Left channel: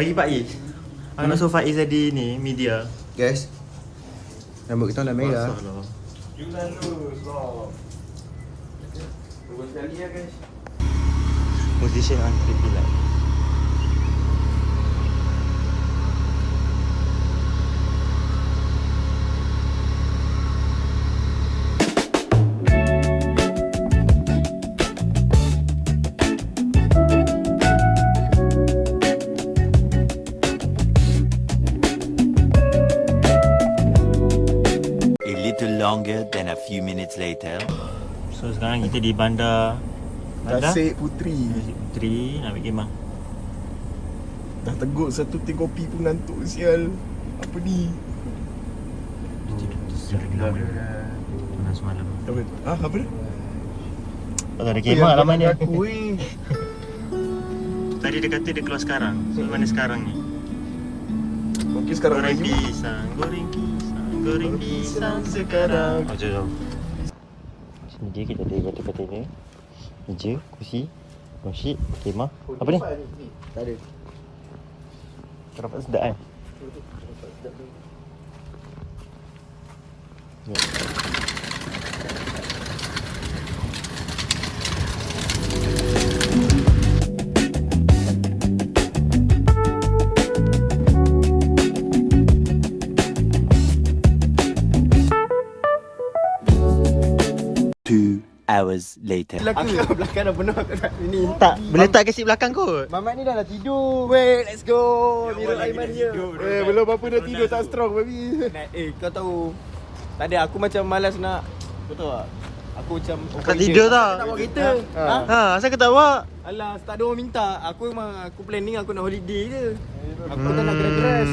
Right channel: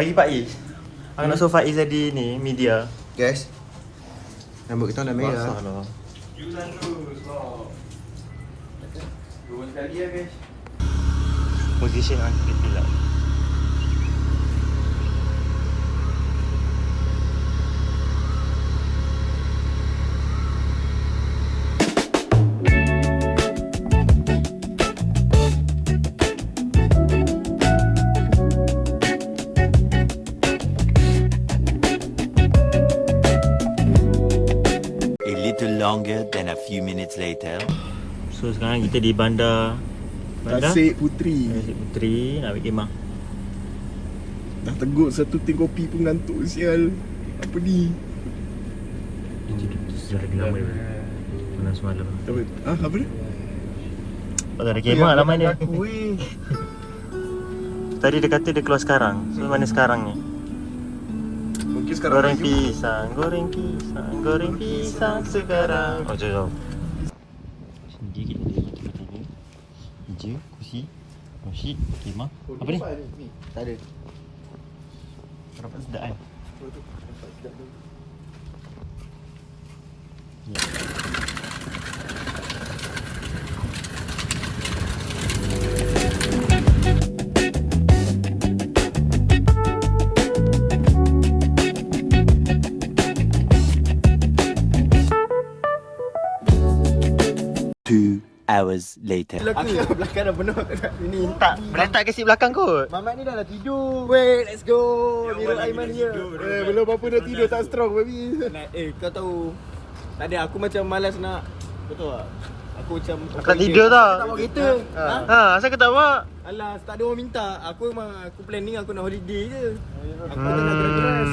Bagi Pak Is. Aku nak suruh Faiz jadi ni, media. Guys, rambut kita nak merah. Masalah. Position on pretty light. Longer than a few minutes later. So sekarang kita di bandar Tasik Puteri. Tasik Puteri nak ambil kemah. Dah teguk satu ting kopi pun ngantuk sial. Apa ni? Dia lagi lama dia. Mana semalam. Apa? Apa dia? Tak ada kemah lama ni. Weh. Tadi dia kata dia keluar sekarang. So mana sekarang ni? Mungkin sekarang Goreng lagi. pisang, goreng pisang, goreng pisang sekarang. Kau jauh. Sini je kita ada kata-kata dia. Meja, kursi, nasi, kemah. Apa ni? Tak ada. Nampak sedap kan? Ya. Hours later. Aku belakang dah penuh kat sini. Tak, boleh tak kasi belakang kot. Mamat ni dah nak tidur. Wait, let's go. Mirul Aiman dia. Belum apa dah tidur tak strong baby. Kau tahu. Tadi aku macam malas nak. Kau tahu tak? Aku macam Aku tak tidur tau. Tak bawa kereta. Asal kau tak bawa? Alah, tak ada orang minta. Aku memang aku planning aku nak holiday je. Aku tak nak dress.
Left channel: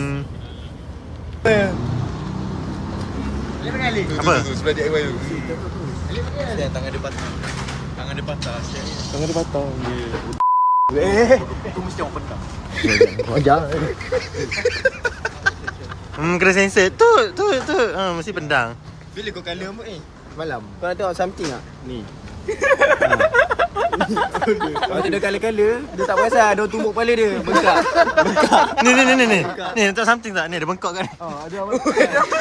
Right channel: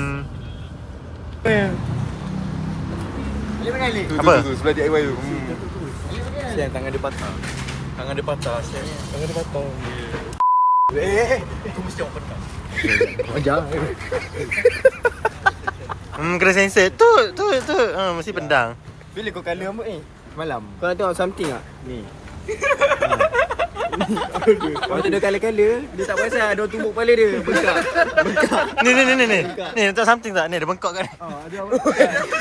Apa? Sebelah DIY tu. Tangan dia patah. Tangan dia patah. Tangan dia patah. Aku mesti orang petang. Jangan. Kena sensor. Tu. Mesti pendang. Bila kau kali rambut ni? Malam. Kau nak tengok something tak? Ni. Kalau dia kala-kala, dia tak perasan ada tumbuk kepala dia. Bengkak. Ni. Ni tak something tak? Ni ada bengkok kan? Ada apa?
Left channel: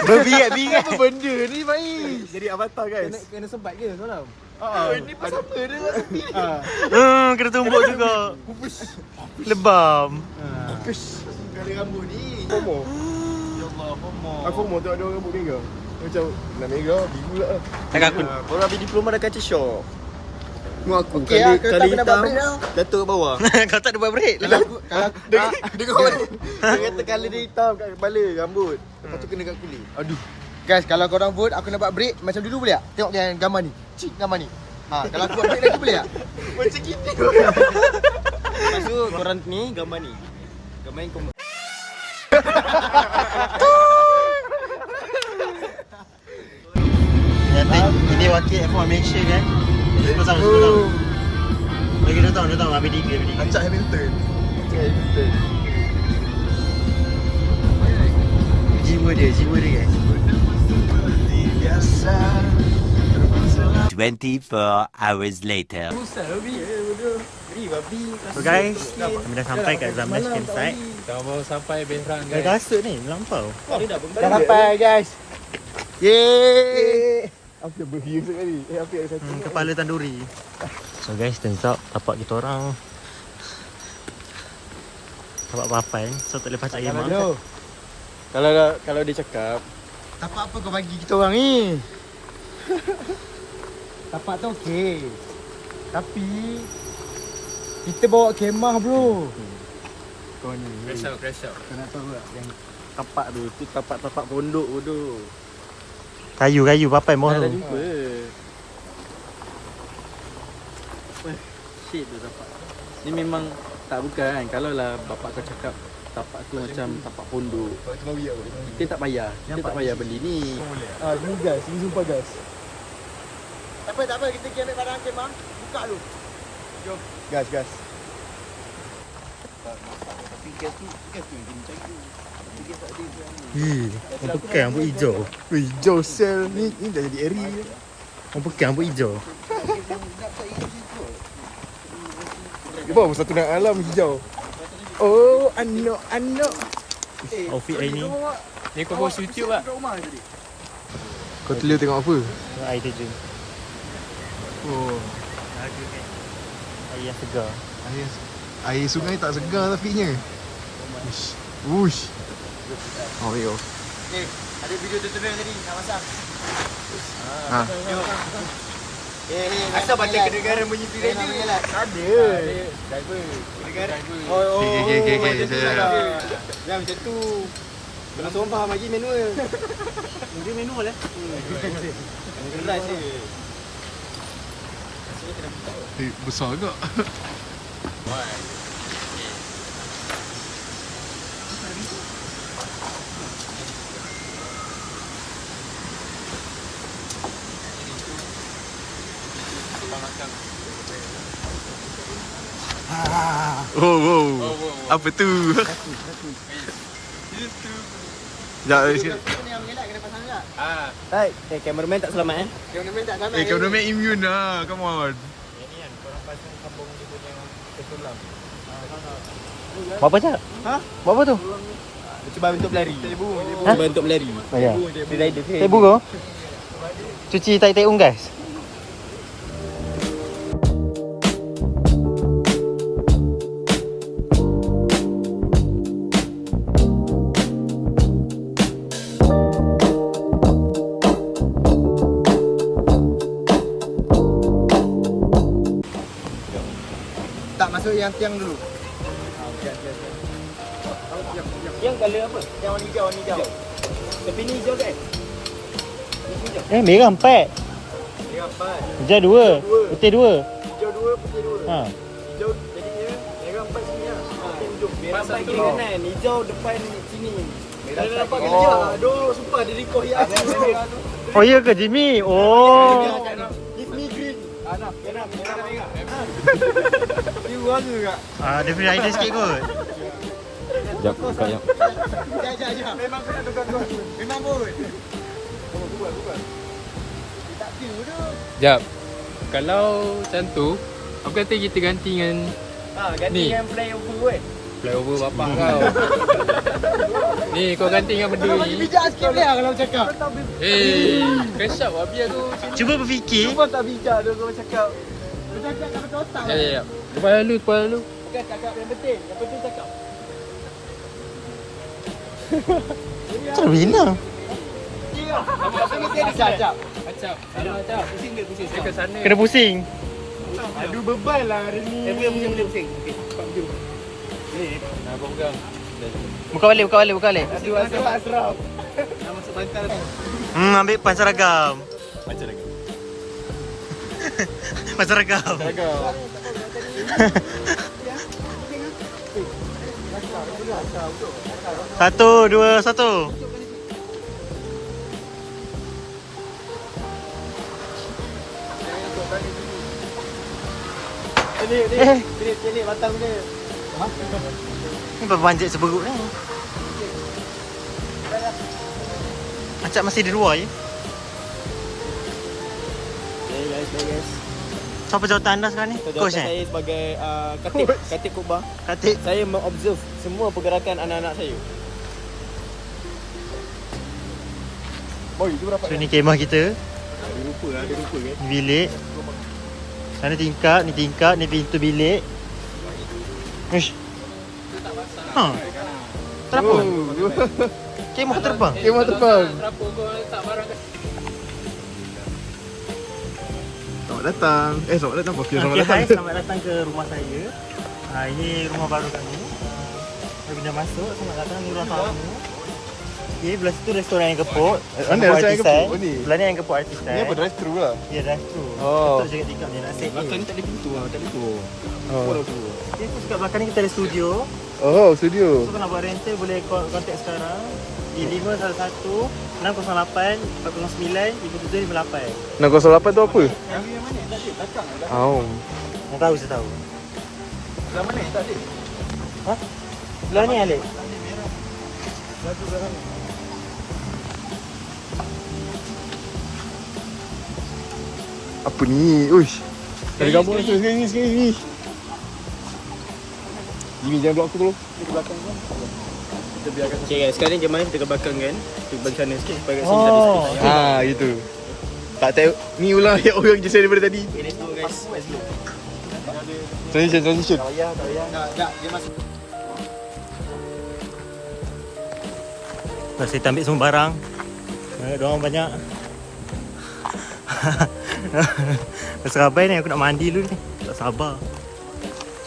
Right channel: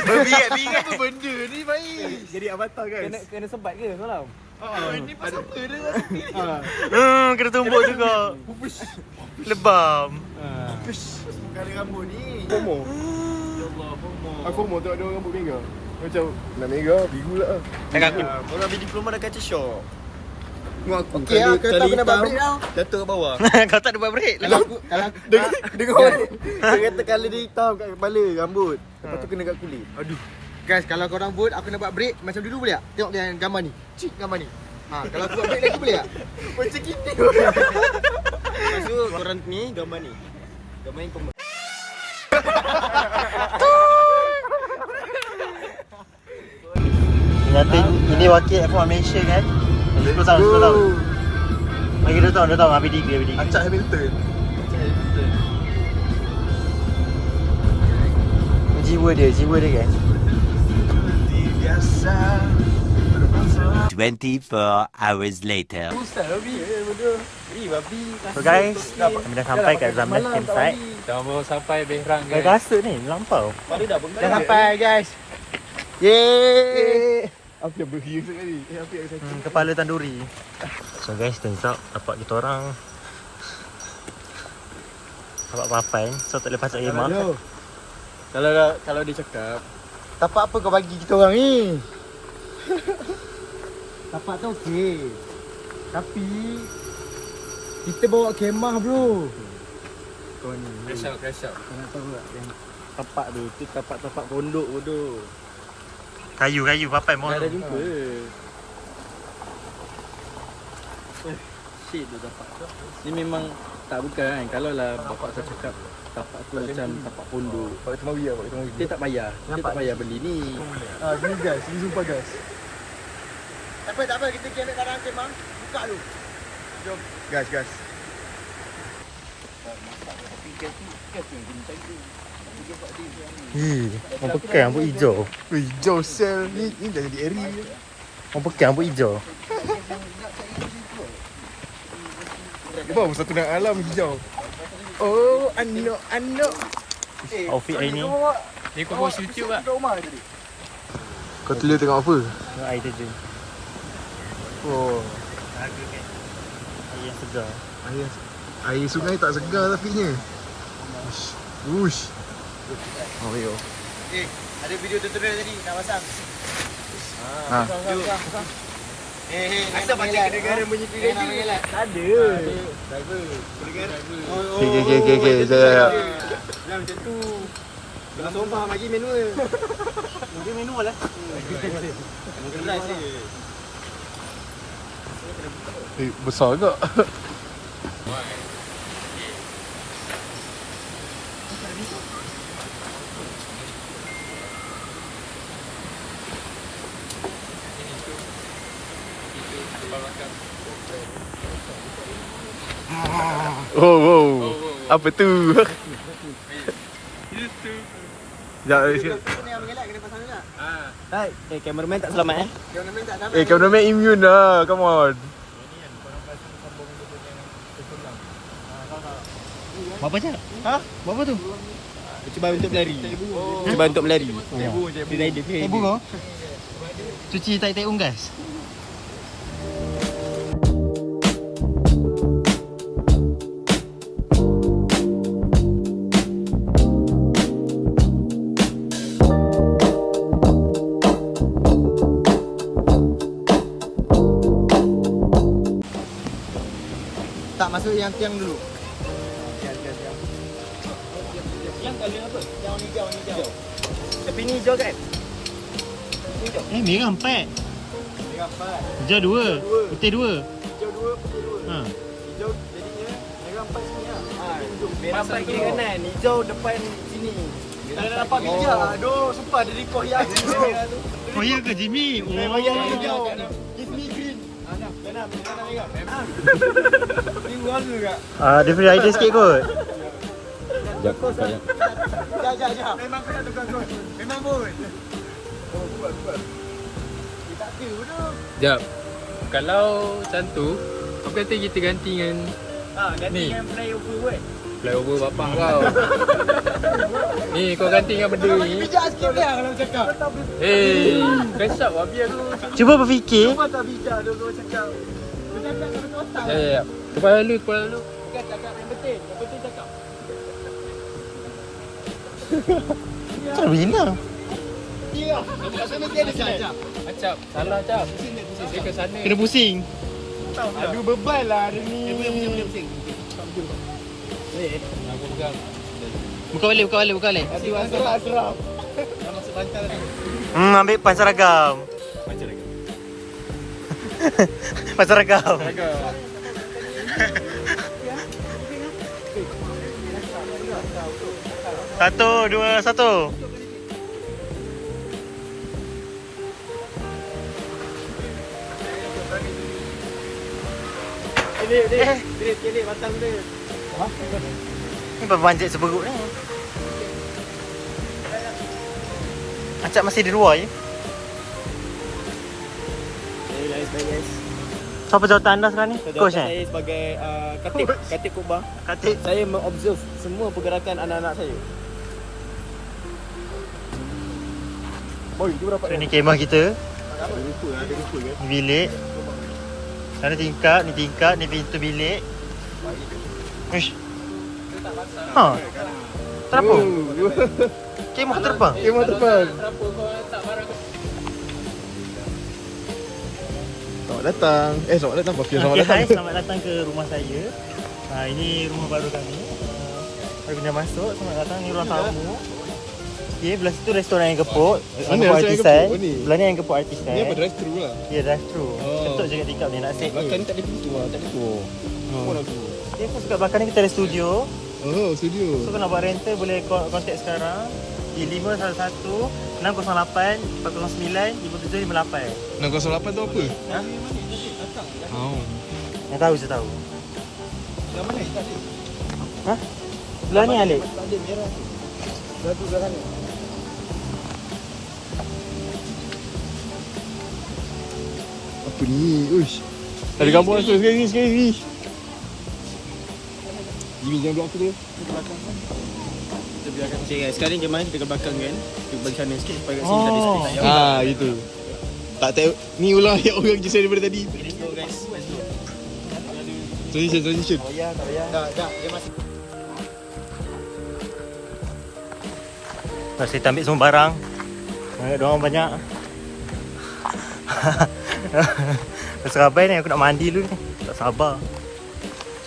Berbiat-biat. Apa benda ni baik? Jadi avatar guys. Kena sempat ke semalam? Ini pasal apa dia? Kena tumbuk juga. Lebam. Kali rambut ni. FOMO. Ya Allah, FOMO. Aku FOMO tengok dia rambut mega. Macam nak mega, biru lah. Cakap aku. Orang ambil diploma dah kaca shock. Tengok aku, kali hitam, jatuh ke bawah. Kau tak ada buat break. Kalau aku dia kata kali dia hitam kat kepala, rambut. Macam kena kat kulit. Aduh. Guys, kalau korang vote aku nak buat break macam dulu boleh tak? Tengok dia gambar ni. Cik gambar ni. Kalau aku buat break lagi boleh tak? Macam gitu. So korang ni gambar ni. Gambar yang kau Nyata ini wakil aku mention kan. Terus tahu. Kita tahu habis dia. Acak Hamilton. Jiwa dia guys. 24 hours later. So guys, kami dah sampai kat Zamlash campsite. Dah belum sampai Benrang Dah kasut ni, melampau. Dah sampai guys. Yeay. Apa yang berhiu sekali? Apa yang sakit? Kepala tanduri. So guys, turns out tapak kita orang tapak papan. So tak boleh pacak kemah. Kalau dia cakap, tapak apa kau bagi kita orang ni? Tapak tu okey. Tapi kita bawa kemah bro. Kau ni Crash out. kau nak tahu tak yang tapak tu tapak pondok bodoh. Kayu papan mohon. Dah jumpa. Shit tu tapak. Ni memang tak bukan kan. Kalau lah bapak kau cakap tapak tu macam tapak pondok. Kita tak payah. Kita tak payah beli ni. Beli gas, ini sumpah gas. Tak apa, kita pergi ambil barang kemah. Buka dulu. Jom. Gas. Tapi gas tu yang kena cari. Orang pekan rambut hijau. Hijau sel ni dah jadi area. Orang pekan rambut hijau. Dia bawa satu nak alam hijau. Oh, anak. Outfit hari ni. Ni kau post YouTube lah. Kau telia tengok apa? Tengok air terjun. Oh, Lagu kan. Air yang segar. air sungai tak segar tapinya. Ush. Oh, yo. Okay, ada video tutorial tadi nak pasang. Ha. Jom. Asal baca kedengaran bunyi video ni? Ada. Driver. Oh. Okay. Jangan macam tu. Jangan sombong lagi manual. Dia manual lah. Besar agak. Oh. Apa tu? Sekejap. Kena pasang juga. Baik, cameraman tak selamat Cameraman tak selamat. Cameraman immune lah. Come on. Ini kan korang pasang sambung dia punya kesulam. Berapa je? Ha? Berapa tu? Cuba untuk berlari. Ha? Cuba untuk berlari. Ya. Tebu kau? Cuci tai-tai unggas. Tak masuk yang tiang dulu. Yang colour apa? Yang warna hijau. Tapi ni hijau kan? Merah 4. Dia empat. Hijau 2. Putih 2. Hijau 2, putih 2. Ha. Hijau jadinya merah 4 sini lah. Putih hujung. Merah satu kanan. Hijau depan sini. Merah dapat kerja. Aduh, sumpah dia record yang Oh ya ke Jimmy? Oh. Give me green. Nah, merah. Ni buang ke kak? Dia beri idea sikit kot. Sekejap. Memang kena tukar. Memang pun. Tak view tu. Sekejap. Kalau macam tu, apa kata kita ganti dengan Ganti Ni. dengan flyover buat. flyover bapak kau. Ni kau ganti dengan benda ni. Bijak sikit dia kalau cakap. Kesap bagi aku. Cuba berfikir. Kau tak bijak dia kau cakap. Kau cakap tak betul otak lah. Kepala lu. Bukan cakap yang betul. Yang betul cakap. Macam mana? Ya. Tapi mesti ada sajak. Acap. Salah acap. Pusing dia ke sana. Kena pusing. Aduh beban lah hari ni. Boleh pusing. Nah, kau pegang. Buka balik. Aduh asal asraf. Dah masuk bantal tu. Ambil pansaragam. Pansaragam. Satu, dua, satu. Ini batang dia. Ni berbanjik seberuk ni. Acap masih di luar je. Yes. Siapa jawatan anda sekarang ni? Coach Saya sebagai Katib Kubang. Katik. Saya mengobserve semua pergerakan anak-anak saya. So ni kemah kita. Ada rupa kan? Bilik. Sana tingkap, ni pintu bilik. Uish. Ha. Kenapa? Kemah terbang. Kemah terbang. Kenapa kau tak barang? Selamat datang. Selamat datang. Okay, hai, selamat datang ke rumah saya. Ini rumah baru kami. Mari pindah masuk, selamat datang. Ni ruang tamu. Okay, belah situ restoran yang kepuk. Mana restoran yang kepuk? Oh, ni? Belah ni yang kepuk artis. Ni apa drive thru lah. Ya, drive thru. Oh. Ketuk je kat tingkap ni nak set. Belakang ni tak ada pintu lah. Tak ada tu. Okay, so kat belakang ni kita ada studio. Oh, studio. So kalau nak buat rental boleh contact sekarang di 511 608 409 5758. 608 tu apa? Oh. Dia tahu, saya tahu. Dah mana? Tak ada. Belah ni ada. Tak ada merah. Satu dalam ni. Apa ni? Uish. Ada gambar tu sekali ni. Ini jangan buat aku tu. Okay guys, sekarang jemaah kita ke belakang kan. Kita bagi sana sikit supaya kat sini kita ada space nak. Ah, gitu. Tak tahu. Ni ulang yang orang je daripada tadi. Okay, let's go guys. Let's go. Transition. Dah, dia masuk. Lepas kita ambil semua barang. Banyak diorang banyak. Dah serabai ni, aku nak mandi dulu ni. Tak sabar.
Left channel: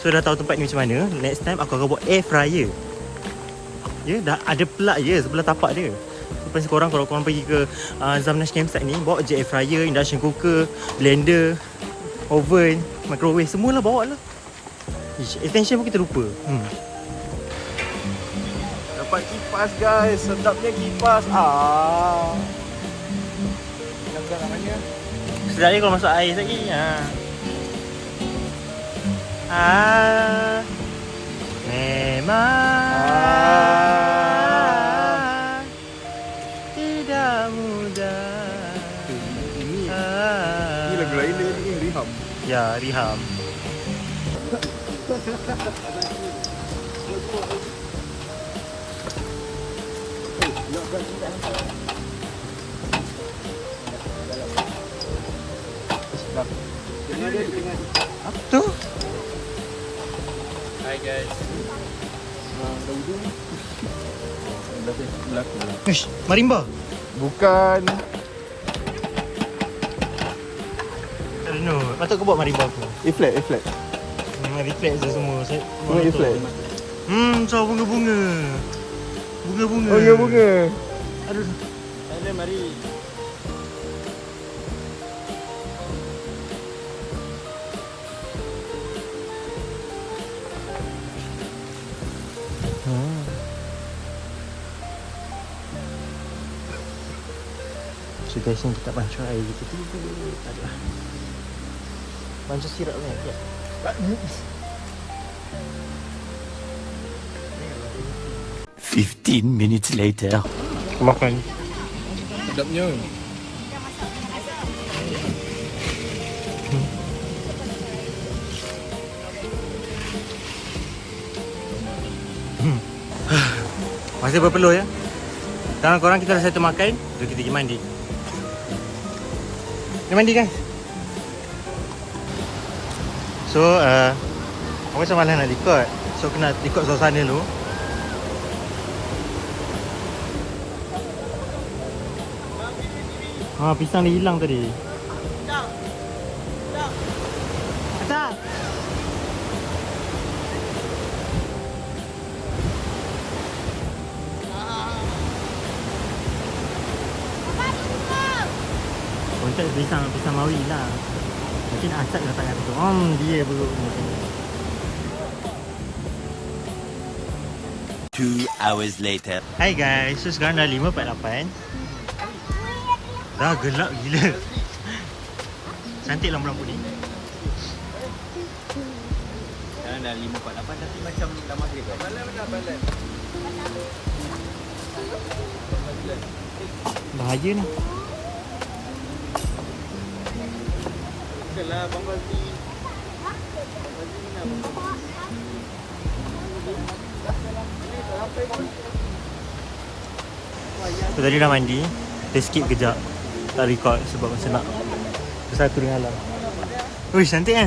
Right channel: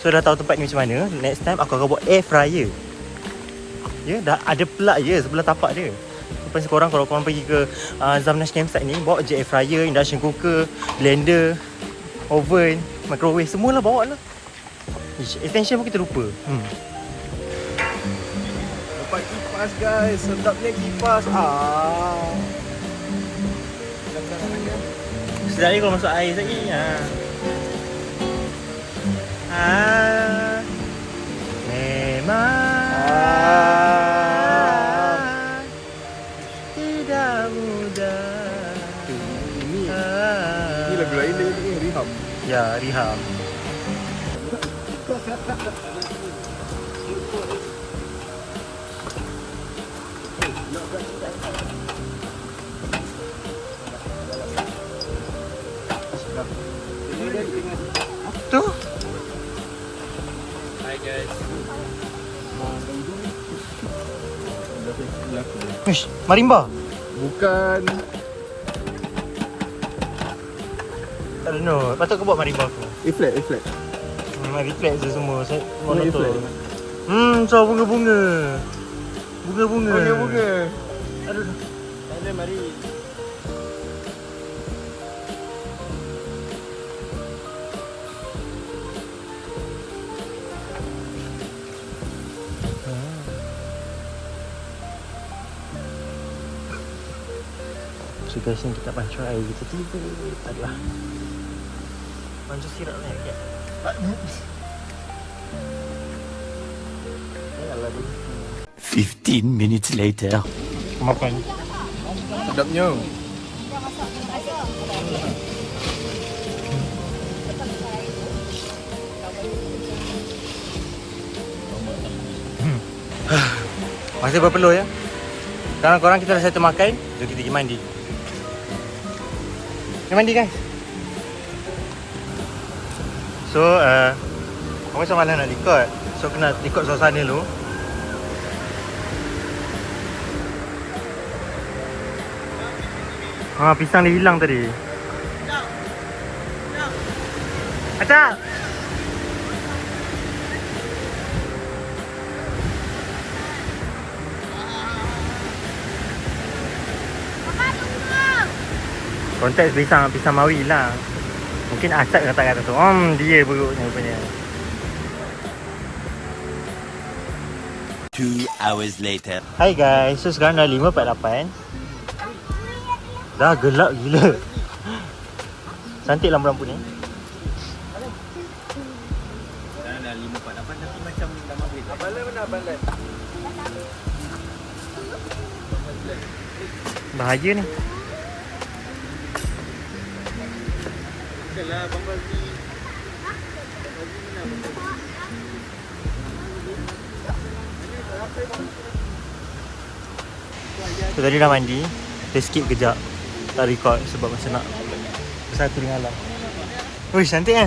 So dah tahu tempat ni macam mana. Next time aku akan buat air fryer. Ya, dah ada plug je sebelah tapak dia. Lepas korang, kalau korang pergi ke Zamnash Campsite ni, bawa je air fryer, induction cooker, blender, oven, microwave, semualah bawa lah. Extension pun kita lupa. Dapat kipas guys. Sedapnya kipas. Sedap ni kalau masuk air lagi. Memang tidak mudah. Ini lagu lain dia ni, Riham. Ya, Riham. Tu. Hi guys. Ish, marimba. Bukan. I don't know. Patut kau buat marimba aku. A flat. Reflex je semua. Saya Mana monoton. reflex? So bunga-bunga. Bunga-bunga. Aduh. Ada mari. So guys, ni kita pancur air gitu. Tak adalah. Pancur sirap ni. Ya. Tak ni. 15 minutes later. Makan. Sedapnya. Masih berpeluh ya. Sekarang korang kita dah settle makan. Jom kita pergi mandi. Pergi mandi guys. So aku macam malas nak record. So kena record suasana dulu. Pisang dia hilang tadi. Acak. Konteks pisang mawi lah. Mungkin Acak kata tu. Dia buruknya rupanya. 2 hours later. Hai guys, so sekarang dah 5.48. Dah gelap gila. Cantik lampu-lampu ni. Sekarang dah 5.48 tapi macam dah maghrib kan? Bahaya ni. Okeylah Bang Fazli. So tadi dah mandi. Kita skip kejap. Tak record sebab macam nak bersatu dengan alam. Ui, cantik kan?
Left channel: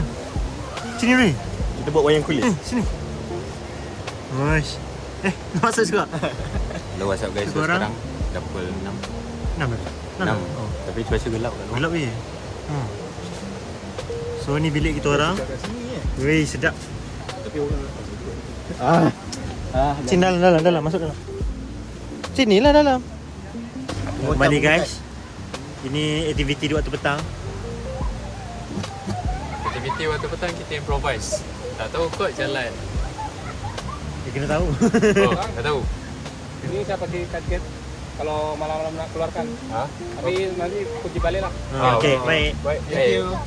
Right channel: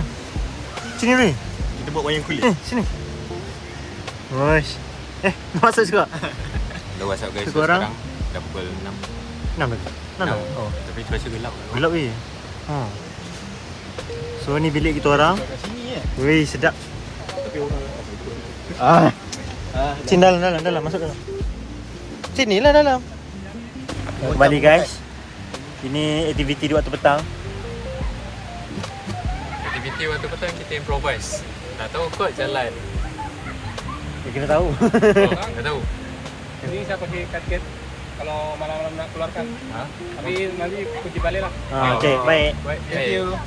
Sini Rui. Kita buat wayang kulit. Sini. Uish. Masak juga. Hello, what's up guys? So, sekarang dah pukul 6. 6 dah? 6 dah? Oh. Tapi cuaca gelap kan. Gelap weh. So ni bilik kita orang. Weh, sedap. Sini dalam. Masuk dalam. Sini lah dalam. Kembali guys. Ini aktiviti di waktu petang. Aktiviti waktu petang kita improvise. Tak tahu kot jalan. Dia kena tahu. Oh, tak tahu. Ini saya pakai kaget kalau malam-malam nak keluarkan. Tapi nanti kunci balik lah. Okay, baik.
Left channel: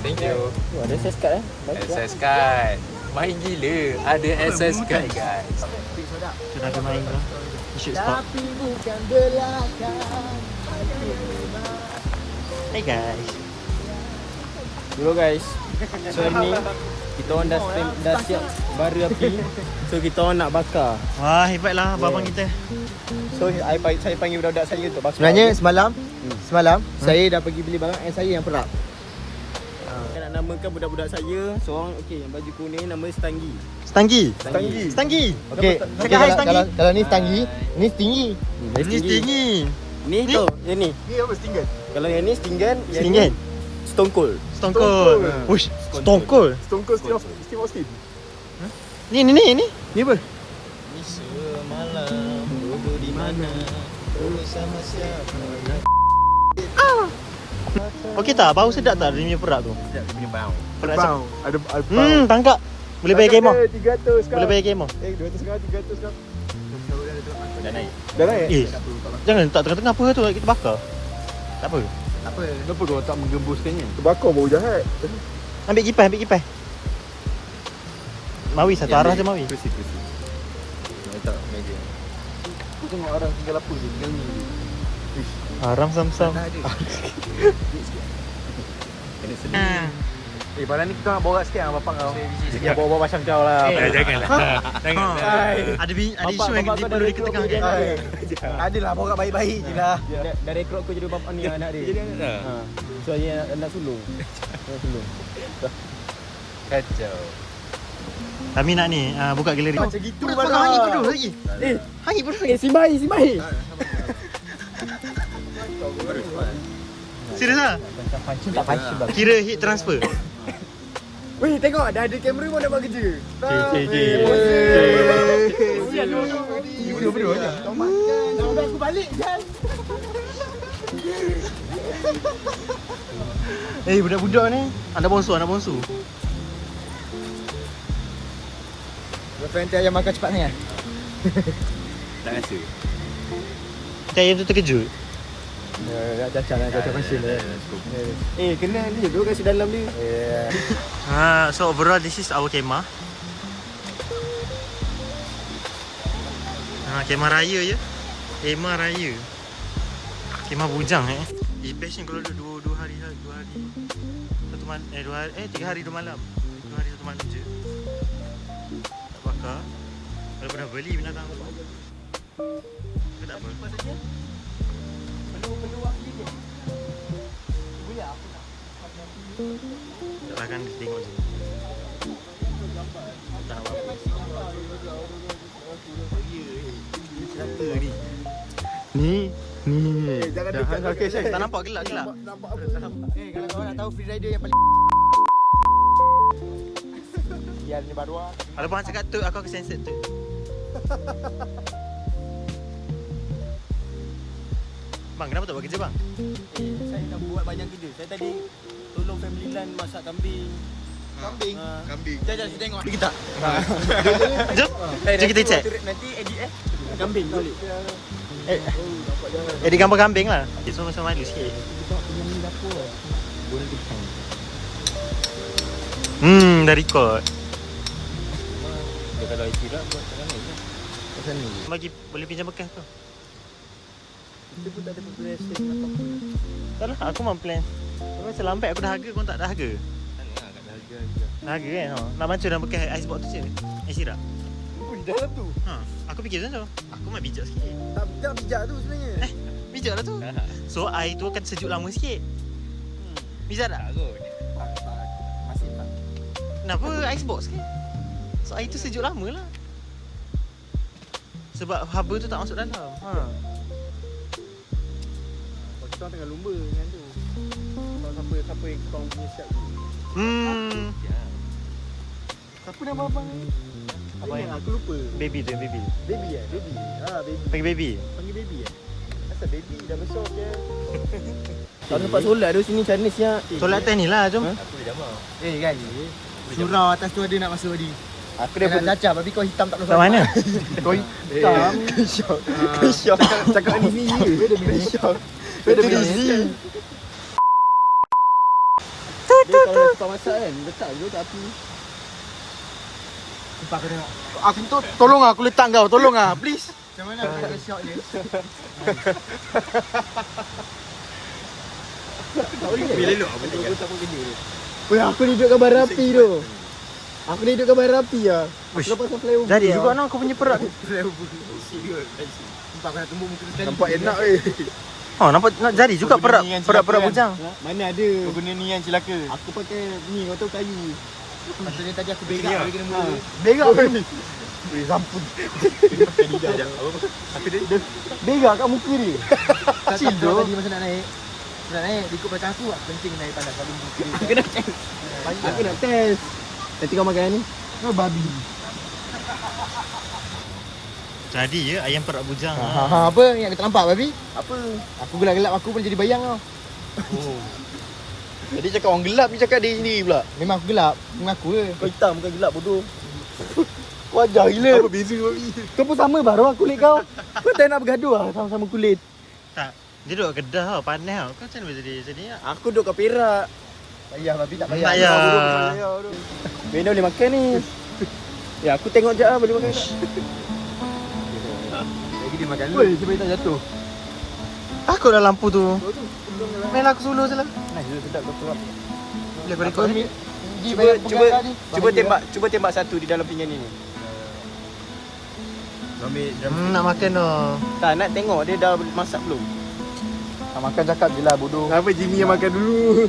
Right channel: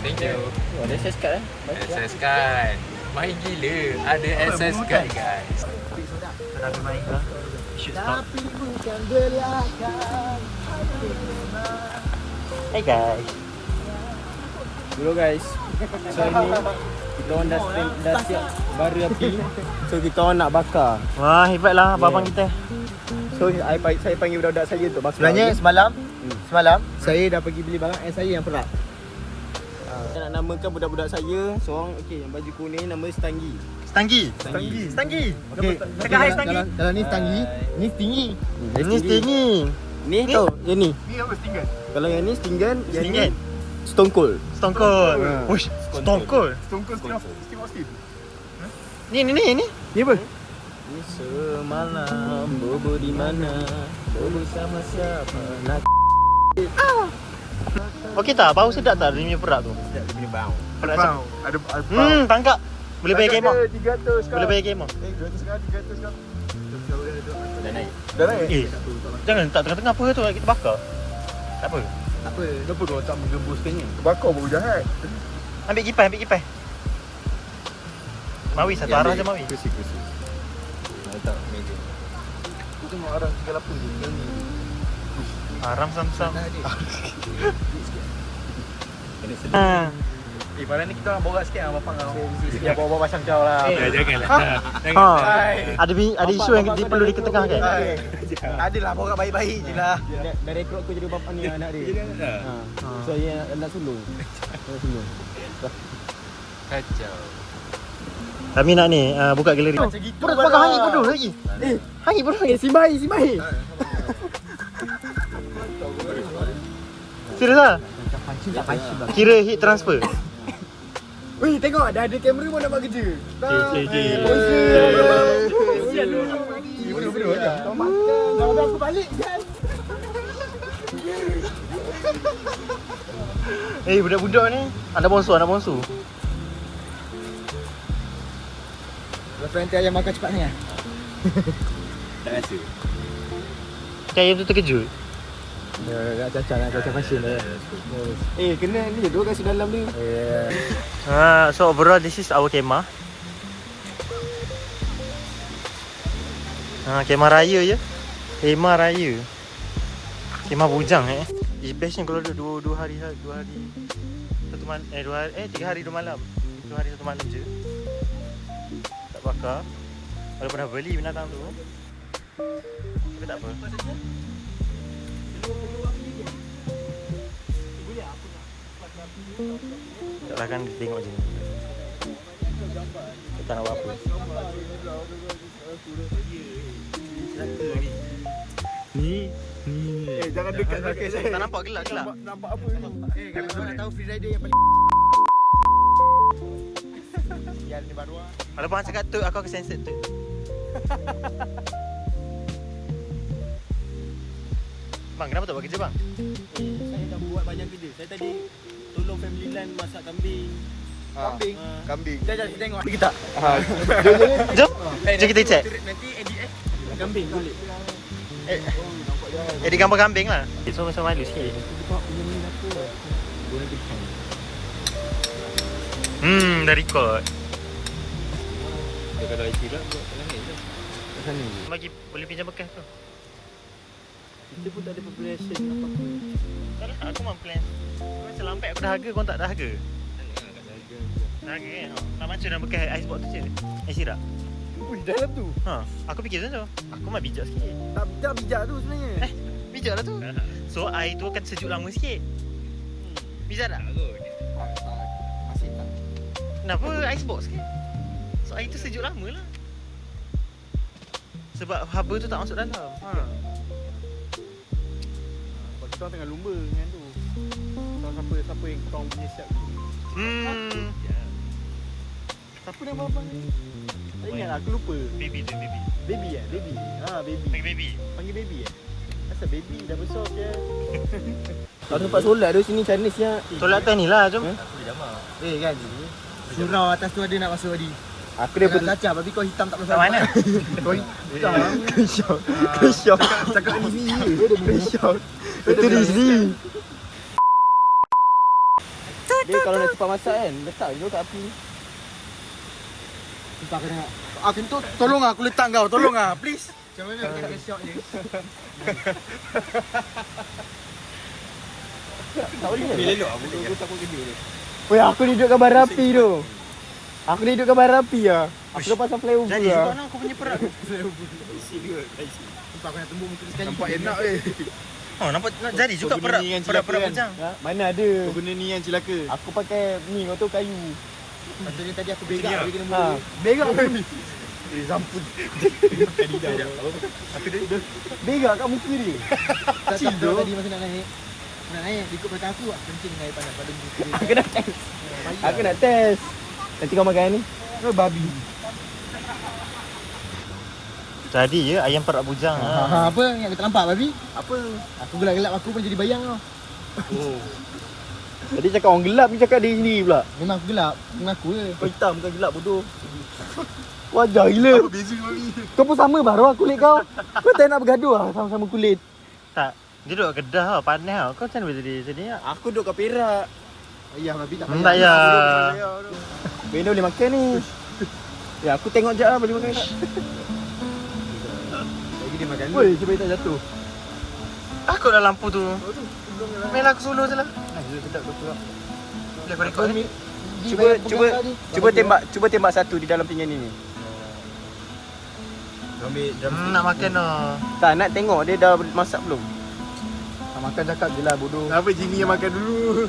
Thank you. Ada SS card SS card. Main gila. Ada SS card guys. Sudah aku main ke? Shoot spot. Hey guys. Dulu guys. So ni kita orang dah siap bara api. So kita orang nak bakar. Wah, hebatlah abang kita. So saya panggil budak-budak saya untuk bakar. Sebenarnya semalam saya dah pergi beli barang and saya yang perap. Saya nak namakan budak-budak saya. Seorang okey yang baju kuning nama Stanggi. Stanggi. Okey, kalau ni Stanggi, ni Stingy. Ini Stingy. Ni tu, yang ni. Ni apa Stinger? Kalau yang ni Stingan, yang ni Stingan. Stone Cold. Stone Cold. Wush, Stone Cold. Steve Austin. Ni. Ni apa? Ni semalam bobo di mana? Bersama siapa nak Okey tak? Bau sedap tak dia punya perak tu? dia punya bau. Perak Bau. Ada tangkap. Boleh bayar kemah. 300 Boleh bayar kemah. 200 sekarang, 300 sekarang. Dah naik. Dah naik? Jangan tak tengah-tengah apa tu kita bakar. Tak apa. Apa? Kenapa kau tak menggembuskannya? Terbakar bau jahat. Ambil kipas. Mawi satu arah je Mawi. Kursi. Letak meja. Tu tengok orang tinggal apa tu tinggal ni. Haram sam-sam. Dah ada. Kena sedih. Ah. Pada ni kita nak borak sikit lah bapak kau. Ya bawa macam kau lah. Janganlah. Ha. Ada isu yang perlu diketengahkan. Adalah borak baik-baik je lah. Dah rekrut aku jadi bapak ni anak dia. So saya nak sulung. Kacau. Kami nak ni buka galeri. Macam gitu Pura lah. pakai hangit penuh lagi. Hangit penuh lagi. Simbai. Serius ah? Tak pancing bang. Kira heat transfer. Weh, tengok dah ada kamera pun nak buat kerja. Siap dulu. Video berdua aja. Kalau aku balik kan. Budak-budak ni anak bongsu. Yang friend ayam makan cepat ni ah. Tak rasa. Saya tu terkejut. Dah cacah pasien dah. Kena ni dua kasi dalam ni. So overall this is our kemah. Kemah raya je. Kemah raya. Kemah bujang It's best ni kalau duduk 2 hari. 1 malam 3 hari 2 malam. 2 hari 1 malam je. Tak bakar. Walaupun dah beli binatang tu. Tapi tak apa. Taklah kan dia tengok je. Tak nak buat apa. Ni. Jangan dekat. Okey, Tak nampak gelap. nampak apa tu? Kalau kau nak tahu free rider yang paling yang ni baru ah. Kalau bang cakap tu aku akan sensor tu. Bang, kenapa tak buat kerja bang? Saya dah buat banyak kerja. Saya tadi tolong family line masak kambing. Kambing. Jangan tengok Kita Jom. Jom kita check. nanti edit kambing balik. Jadi gambar kambing lah. So macam malu sikit. Yang ni dapur. Goreng pisang. Dah record. Dia kalau IT lah buat kat sana je. Kat sana je. Bagi boleh pinjam bekas tu. Kita pun tak ada preparation. Tak lah, aku memang plan. Kalau selambat aku dahaga, kau tak dahaga. Dahaga je. Dahaga kan? Nak macam dalam bekas icebox tu je. Sirap. dalam tu. Aku fikir macam tu. Aku mah bijak sikit. Tak bijak tu sebenarnya. Bijak lah tu. So air tu akan sejuk lama sikit. Bijak tak? Masih tak. Kenapa icebox kan? So air tu sejuk lama lah. Sebab haba tu tak masuk dalam. Kau tengah lumba dengan tu. Siapa yang kau punya siap ni? Siapa nama abang ni? Tak ingat lah, aku lupa. Baby dia, baby. Baby eh? Baby. Alah baby. Panggil baby. Panggil baby eh? Asal baby dah besar je. Kau nampak solat tu sini Chinese siap. Solat atas ni lah, jom. Kan? Surau atas tu ada nak masuk tadi. Aku Dia dia nak cacap tapi kau hitam tak pasal. Kat mana? Kau hitam. Syok. Cakap ni ya. Dia syok. Dia Disney. dia kalau nak cepat masak kan, letak je kat api. Nampak kau tengok. Aku tu tolong aku letak kau, tolong please. Macam mana aku nak syok ni? Tak boleh. Bila elok aku tak pun kerja tu. Weh, aku ni duduk gambar rapi tu. Aku ni duduk gambar rapi lah. Aku lepas flyover. Jadi juga no kau punya perak. Nampak kena tumbuk muka sekali. Nampak enak weh. Oh nampak nak jadi juga perak bujang. Mana ada. Kau guna ni yang celaka. Aku pakai ni, kau tahu kayu. Patutnya tadi aku berak dia kena mula. Berak kan ni. Zampun. Makan lidah. Apa dia? Berak kat muka dia. Kacau tu tadi masa nak naik. Ikut belakang aku, kencing naik tangan pada muka dia. Aku nak test. Aku nak test. Nanti kau makan ni. Kau babi. Jadi ya ayam perak bujang. Apa yang kita nampak babi? Apa? Aku gelap-gelap aku pun jadi bayang tau. Oh. Tadi cakap orang gelap ni cakap dia sendiri pula. Memang aku gelap. Mengaku ke? Kau hitam bukan gelap bodoh. Wajar gila. Apa beza babi? Kau pun sama baru kulit kau. Kau tak nak bergaduh lah sama-sama kulit. Tak. Dia duduk Kedah tau, panas tau. Kau macam mana boleh jadi sini? Aku duduk kat Perak. Ayah babi tak Tak payah. Benda boleh makan ni. Ya aku tengok je lah boleh makan. Lagi dia makan dulu. Woi, supaya tak jatuh. Takut dah lampu tu. Mainlah aku solo je lah. Nah, dia sedap kau tu. Boleh kau rekod ni? Cuba tembak satu di dalam pinggan ni. Ambil Nak makan tau. Tak nak tengok dia dah masak belum. Tak makan cakap je lah bodoh. Kenapa Jimmy yang makan dulu?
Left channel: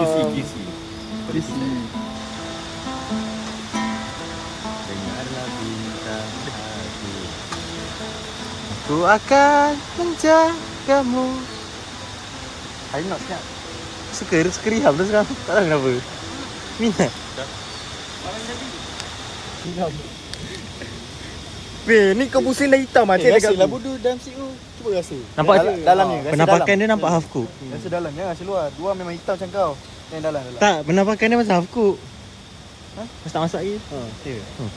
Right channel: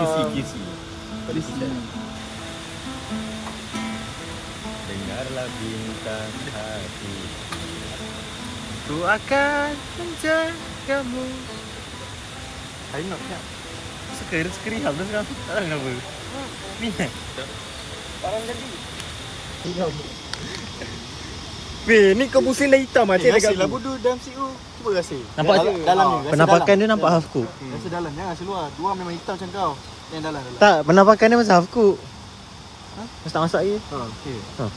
Kisi. Dengarlah bintang hati. Aku akan menjagamu. Ayo nak siap. Suka rehab tu sekarang. Tak tahu kenapa. Ni lah. Weh, ni kau pusing dah hitam macam dekat Rasa lah aku. bodoh dalam situ. Cuba rasa. Nampak dalam ni. rasa penampakan dia nampak half cook. dalam. Rasa dalam jangan seluar. Dua memang hitam macam kau. Yang dalam. Tak, penampakan dia macam half cook. Mesti tak masak lagi. Kau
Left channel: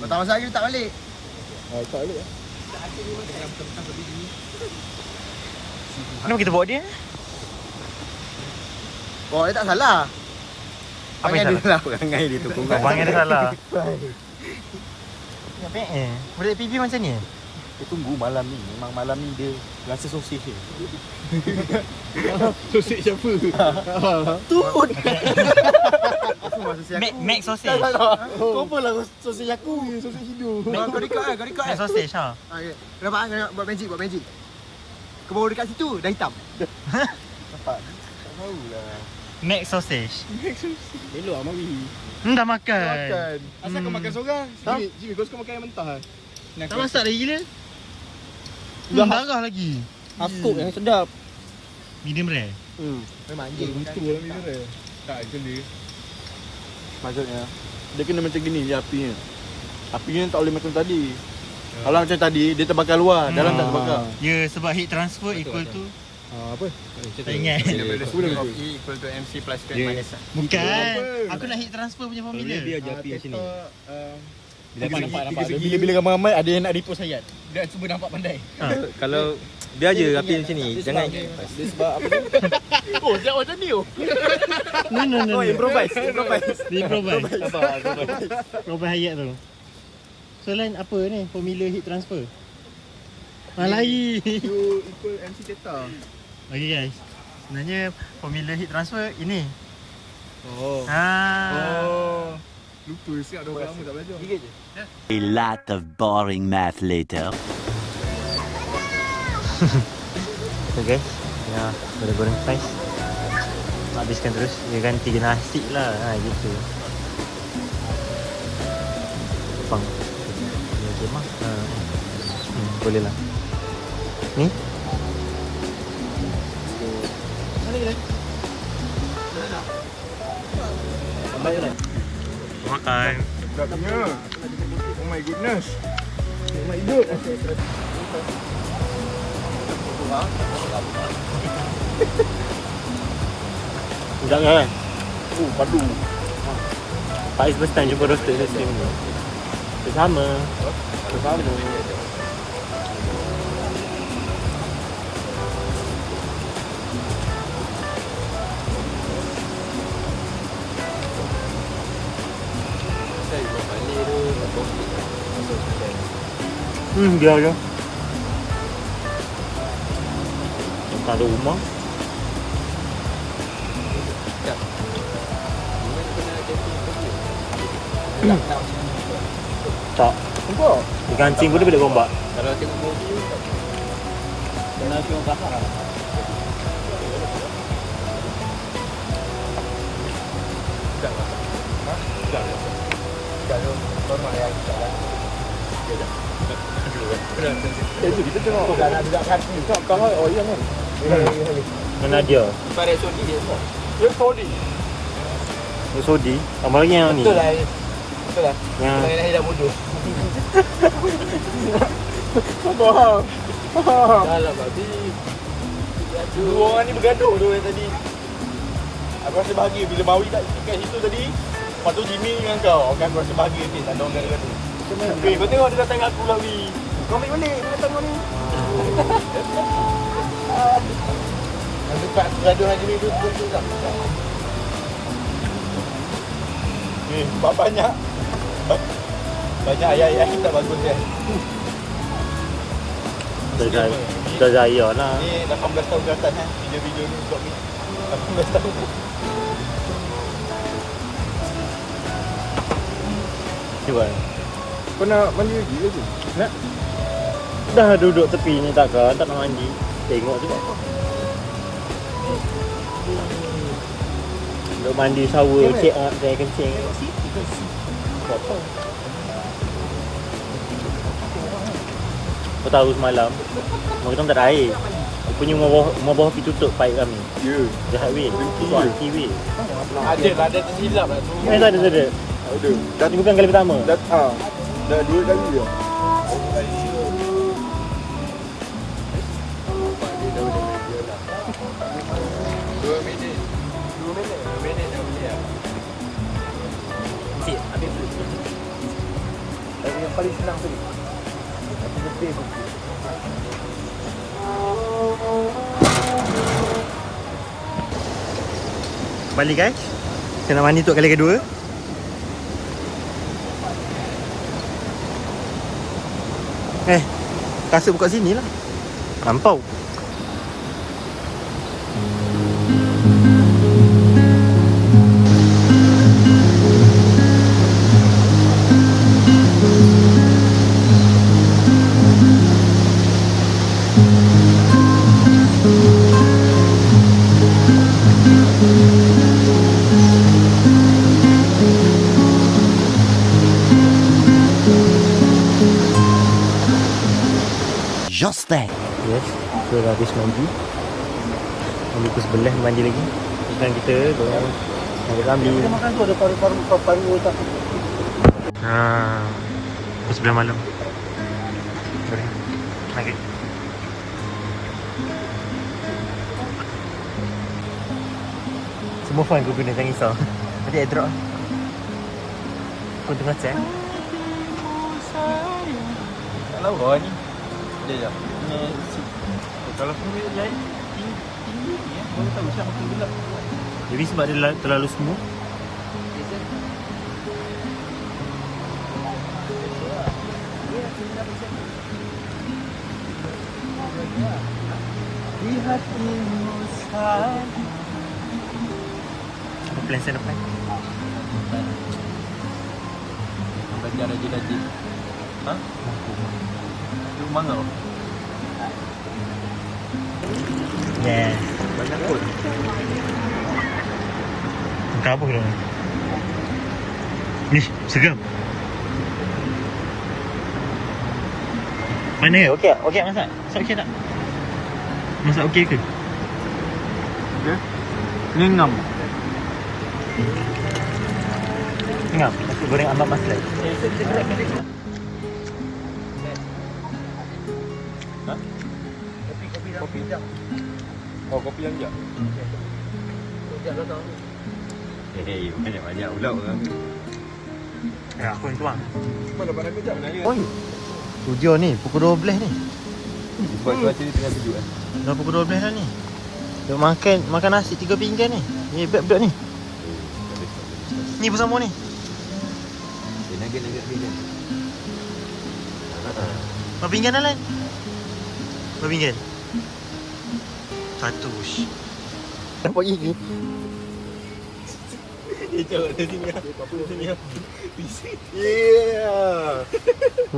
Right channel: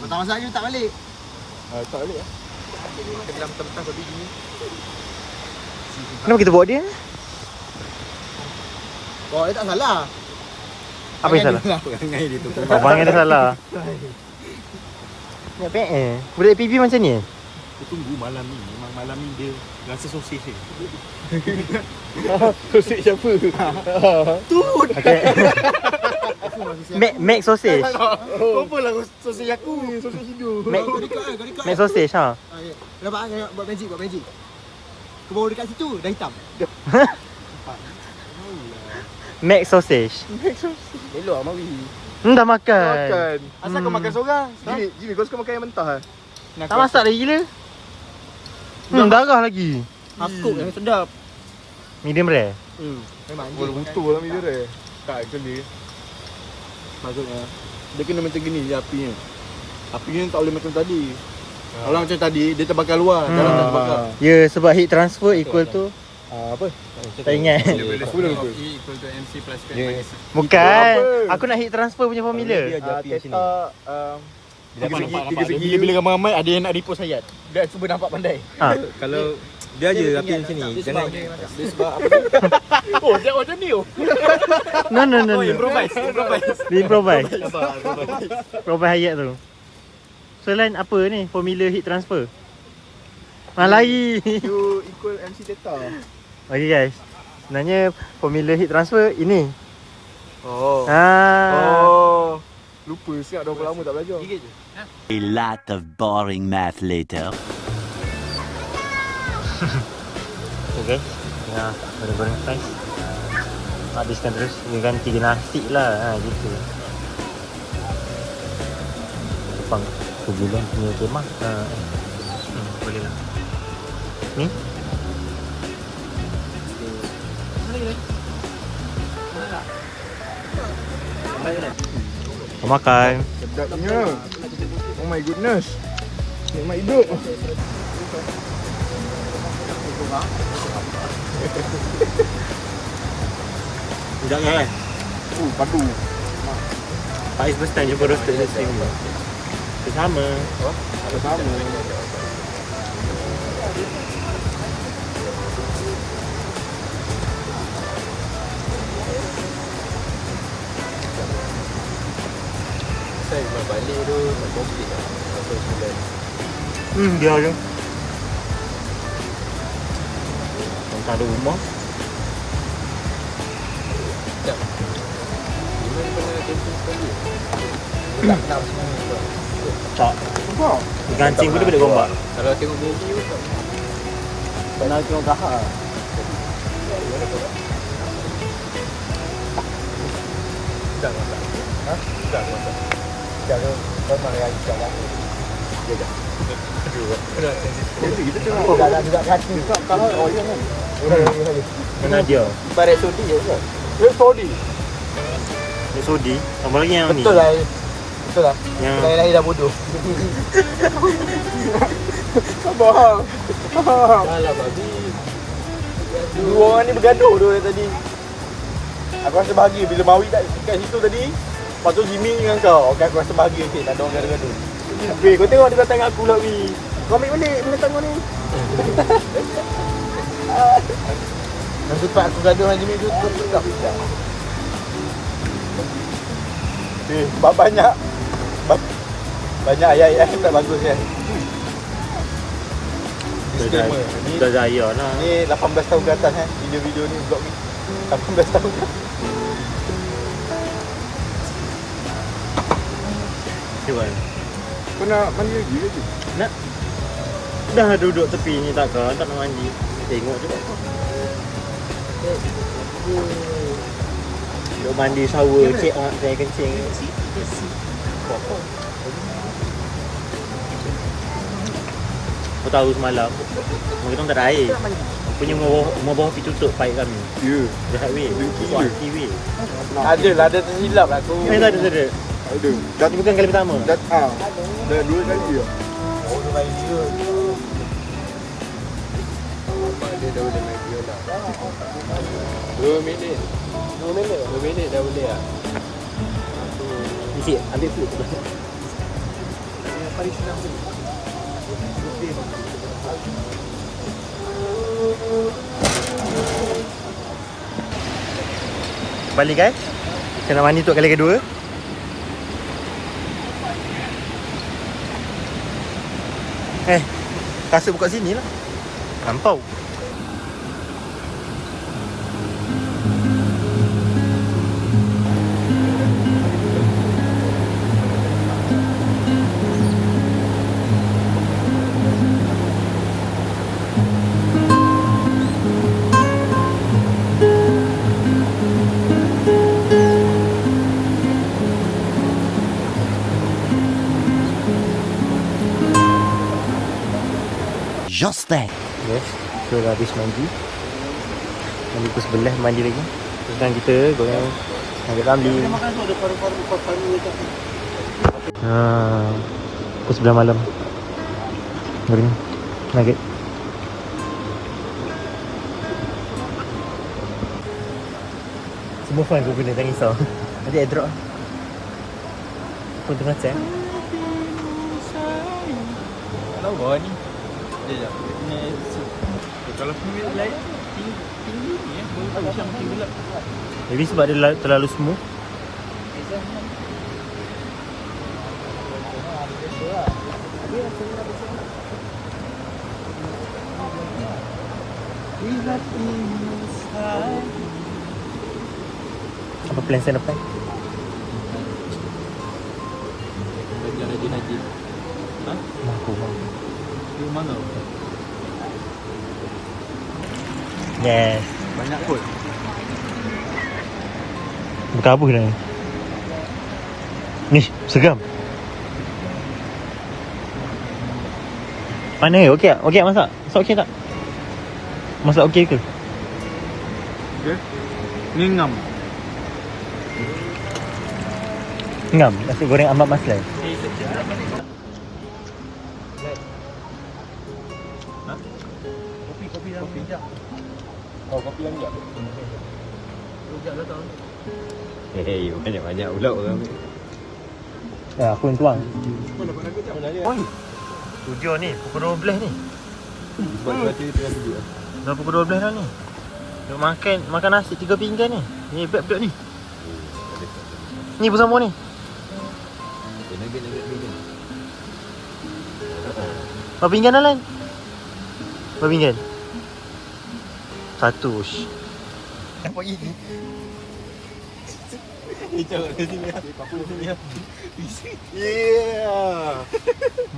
tak masak lagi tak balik. Tak boleh lah. Kenapa kita bawa dia? Oh, dia tak salah. Apa yang salah? Perangai dia tu. Mana dia salah? Nak budak PB macam ni? Aku tunggu malam ni. Memang malam ni dia rasa sosis dia. Sosis siapa? Tu. Okay. Make sausage. Kau apa lah sosis aku? Sosis hidup. Kau dekat kan, kau dekat. Make sausage ha. Okey. Nampak kan buat magic. Kau bawa dekat situ dah hitam. Make sausage. Elok lah Mawi. Dah makan. Asal kau makan seorang? Jimmy kau suka makan yang mentah lah. Tak masak lagi gila. Darah lagi. Akuk yang sedap. Medium rare. Memang Boleh betul lah minum dia. Tak actually. Maksudnya dia kena macam gini je apinya. Apinya tak boleh macam tadi. Kalau macam tadi dia terbakar luar, dalam tak terbakar. Ya, sebab heat transfer equal tu Apa? tak ingat. Aku dah betul. E equal to MC plus Q Dia- minus. Bukan. Apa? Aku nak heat transfer punya formula. Dia ajar api sini. Tiga segi. Bila bila ramai-ramai ada yang nak repost ayat. Dia cuba nampak pandai. Kalau dia aja api di sini. Jangan Dia sebab apa dia? Oh, dia macam ni oh. No. Improvise. Dia improvise. Improvise ayat tu. So lain apa ni formula heat transfer? Malai. You equal MC theta. Okay guys. Sebenarnya formula heat transfer ini. Oh. Ah. Lupa siap dah berapa lama tak belajar. A lot of boring math later. Okay guys. Ya, goreng slice. Habiskan terus. Dia ganti nasi lah. Gitu. Tepang sebulan punya kemah. Boleh lah. Ni? Kau makan. Sedapnya. Oh my goodness. Nikmat hidup. Jangan kan? Padu. Faiz first time jumpa roasted dia stream ni. Sama. Saya balik tu tak konflik lah. Dia je. Tak ada rumah. Tak. Apa? Gancing pun dia boleh gombak. Kalau tengok movie pun tak. Kena tengok kahak. Dah masak. Ha? Dah masak. Jangan normal yang kita lagi. Sekejap. Aduh, kena sensitif. Jadi kita tengok Dah nak juga kaki. tak kahak oil kan. Mana dia? Ibarat sudi je. Dia sodi. Sodi. Apa lagi yang ni? Betul lah. Betul lah. Yang Lain-lain dah bodoh. Sabar. Dah lah babi. Dua orang ni bergaduh tu tadi. Aku rasa bahagia bila Bawi kat situ tadi. Lepas tu Jimmy dengan kau. Okay, aku rasa bahagia sikit. Tak ada orang gaduh-gaduh. Weh, kau tengok dia datang dengan aku lah, Weh. Kau ambil balik. Dia datang ni. Yang tempat aku gaduh dengan Jimmy tu betul tak? Eh, banyak. Banyak ayat-ayat tak bagus kan. dah jaya lah. Ni 18 tahun ke atas kan. Video-video ni vlog ni. 18 tahun. Cuba. Kau nak mandi lagi ke? Nak? Dah duduk tepi ni takkan, tak nak mandi. Tengok juga kau. Duduk mandi shower, check on saya kencing. Buat apa? Kau tahu semalam rumah kita tak ada air. Rupanya rumah bawah pergi tutup paip kami. Ya. Jahat weh. Dengki Kuat je. hati weh. Ada lah, ada tersilap lah tu. Tak ada. Ada. Ini bukan kali pertama. Dah, dah 2 kali dah. Oh, dia balik dia. Bapak dia dah boleh main dia lah. 2 minit. 2 minit dah boleh lah. Cik, ambil food. Tapi yang paling senang tu ni. Balik guys. Saya nak mandi untuk kali kedua. Kasut buka sini lah. Lampau. Just that. Yes, kita dah habis mandi. Mandi pukul sebelah mandi lagi. Terus sekarang kita goreng nugget kambing. Dia makan tu ada paru-paru tak. Pukul 11 malam. Goreng nugget. Semua fun aku guna, jangan risau. Nanti airdrop lah. Pun tengah chat. Tak lawa ni. Sekejap. Kena kalau semua light tinggi ni baru tahu macam tu pula. Jadi sebab dia terlalu smooth. Apa plan saya lepas? Belajar rajin-rajin. Ha? Mampu. Lu mangau. Yes. Banyak pun. Berkabut dah ni. Ni, seram. Mana? Okey, okey masak. Masak okey tak? Masak okey ke? Okey. Ni ngam. Ngam, nasi goreng ambak masak. Kopi jam. Oh, kopi yang enggak. Banyak-banyak pula orang. Aku yang tuang. Mana dapat aku tak mana. Oi. Tujuh ni, pukul 12 ni. Sebab cuaca ni tengah sejuk kan. Dah pukul 12 dah ni. Duk makan nasi 3 pinggan ni. Hebat budak ni. Ni bersama ni. Berapa pinggan Alan? Berapa pinggan? 1. Apa gigi? Tengok dari sini lah. Sini lah. Yeah.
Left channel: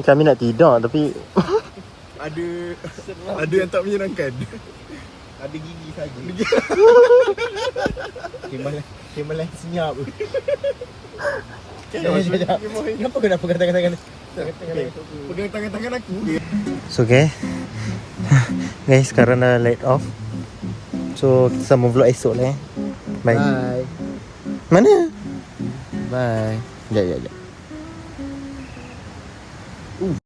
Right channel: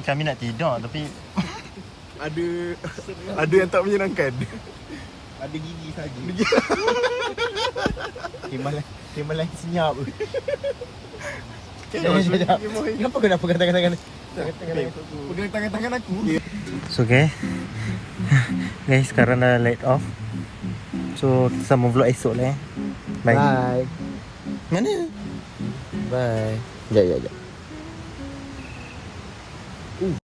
Kami nak tidur tapi Ada yang tak menyenangkan. Ada gigi saja. Kemalan senyap. Kenapa kena pegang tangan-tangan? Pegang tangan-tangan aku. So okay. Guys, sekarang dah light off. So kita sambung vlog esok lah. Bye. Bye. Mana? Bye. Sekejap.